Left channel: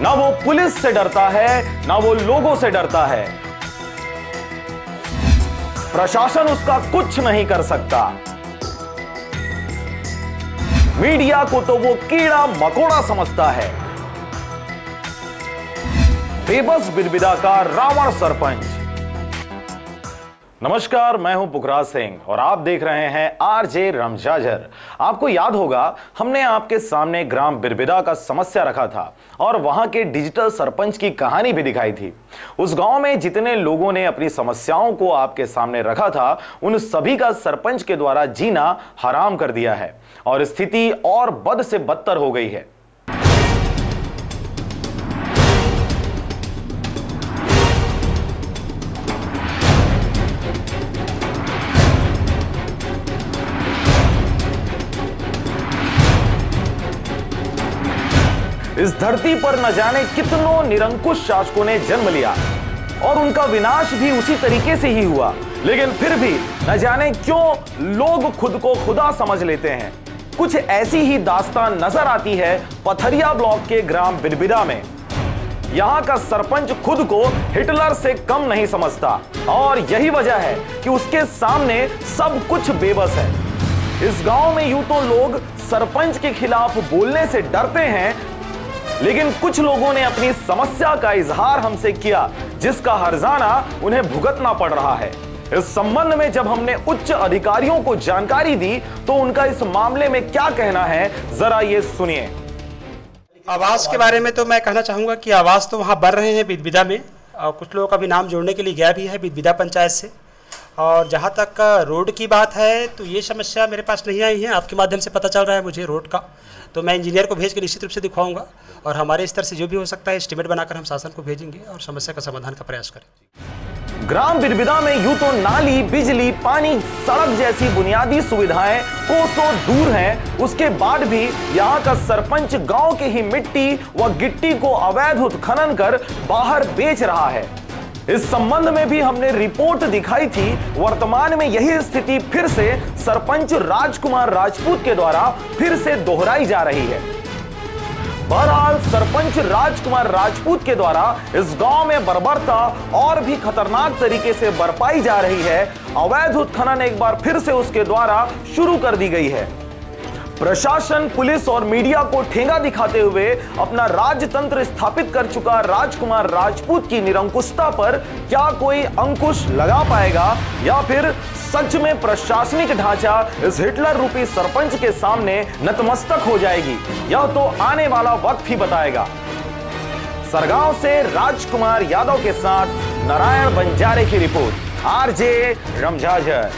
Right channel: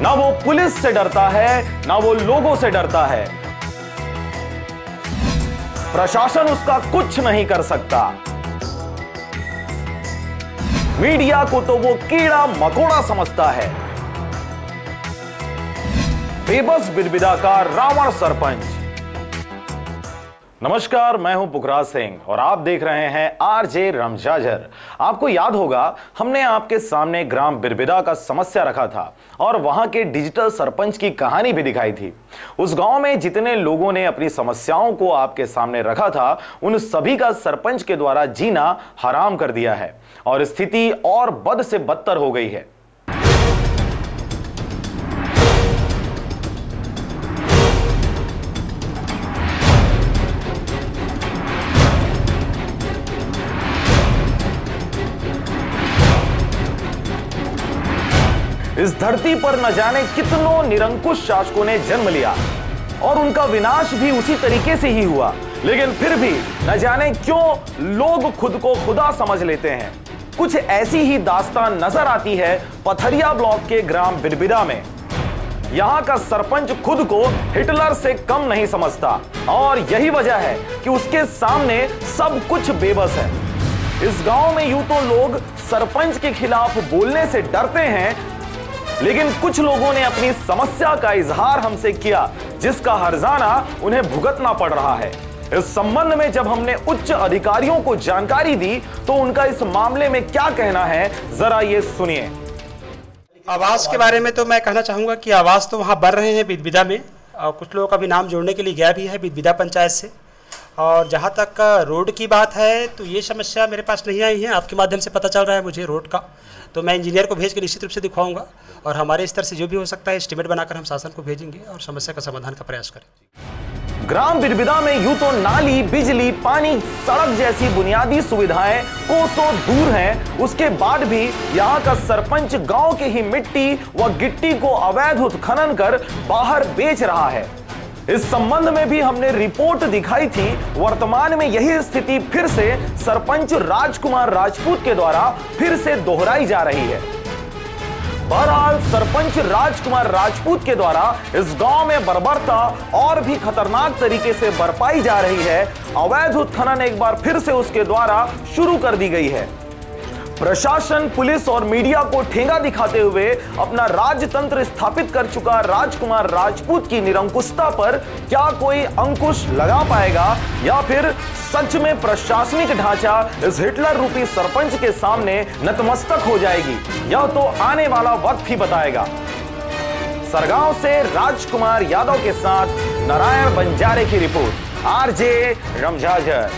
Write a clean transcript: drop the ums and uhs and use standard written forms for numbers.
ना वो पुलिस से डरता है, ना वो लोगों से डरता है। प्रशासन उसका कुछ नहीं कर सकता। मीडिया को तो वो कीड़ा मकोड़ा समझता है। बेबस बिरबिदा का रावण सरपंच। नमस्कार, मैं हूं पुखराज सिंह और आप देख रहे हैं आरजे रमजाजर। आपको याद होगा, हमने आपके सामने ग्राम बिरबिदा का समस्या रखा था और वहां के डिजिटल सरपंच की कहानी भी दिखाई थी। उस गांव में जितने लोगों ने अपनी समस्याओं को आपके सामने रखा था, उन सभी का सरपंच के द्वारा जीना हराम कर दिया है और स्थिति और बद से बदतर हो गई है। इस धरती पर न जाने कितनों निरंकुश शासकों ने जन्म लिया और उनका विनाश भी उसी तरीके से ही हुआ, लेकिन फिर भी न जाने क्यों लोग खुद को खुदा समझ लेते हैं। कुछ ऐसी ही दास्तान नजर आती है पथरिया ब्लॉक के ग्राम बिरबिदा में। यहां का सरपंच खुद को हिटलर से कम नहीं समझता और यही वजह है कि उसके सामने सब कुछ बेबस है। इस गांव में यूं तो लोग सरपंच के खिलाफ बोलने से डरते हैं, लेकिन कुछ लोगों ने अपनी समस्या का इजहार हमसे किया, जिसका हर्जाना उन्हें भुगतना पड़ रहा है। इस संबंध में जब हमने उच्च अधिकारियों को जानकारी दी तो उनका इस मामले में क्या कहना है, जरा ये सुनिए। आवास के बारे में तो मैं कहना चाहूँगा कि आवास तो वहाँ बन रहे हैं बिरबिदा में, और कुछ लोगों का भी नाम जोड़ने के लिए गया भी है बिरबिदा पंचायत से। और जहाँ तक रोड की बात है तो ये समस्या मेरे पास नहीं आई है, आपके माध्यम से पता चल रहा है मुझे रोड का, तो मैं इंजीनियर को भेज के निश्चित रूप से दिखवाऊंगा और हमारे स्तर से जो भी हो सकता है एस्टीमेट बनाकर हम शासन को भेजेंगे और समस्या का समाधान का प्रयास करेंगे। ग्राम बिरबिदा में यूं तो नाली, बिजली, पानी, सड़क जैसी बुनियादी सुविधाएं कोसों दूर हैं, उसके बाद भी यहाँ का सरपंच गांव के ही मिट्टी व गिट्टी को अवैध उत्खनन कर बाहर बेच रहा है। इस संबंध में भी हमने रिपोर्ट दिखाई थी। वर्तमान में यही स्थिति फिर से सरपंच राजकुमार राजपूत के द्वारा फिर से दोहराई जा रही है। बहरहाल सरपंच राजकुमार राजपूत के द्वारा इस गांव में बर्बरता और भी खतरनाक तरीके से बरपाई जा रही है। अवैध उत्खनन एक बार फिर से उसके द्वारा शुरू कर दी गई है। प्रशासन, पुलिस और मीडिया को ठेंगा दिखाते हुए अपना राजतंत्र स्थापित कर चुका राजकुमार राजपूत की निरंकुशता पर क्या कोई अंकुश लगा पाएगा या फिर सच में प्रशासनिक ढांचा इस हिटलर रूपी सरपंच के सामने नतमस्तक हो जाएगी, यह तो आने वाला वक्त ही बताएगा। सरगांव से राजकुमार यादव के साथ नारायण बंजारे की रिपोर्ट, आरजे रमजाजर।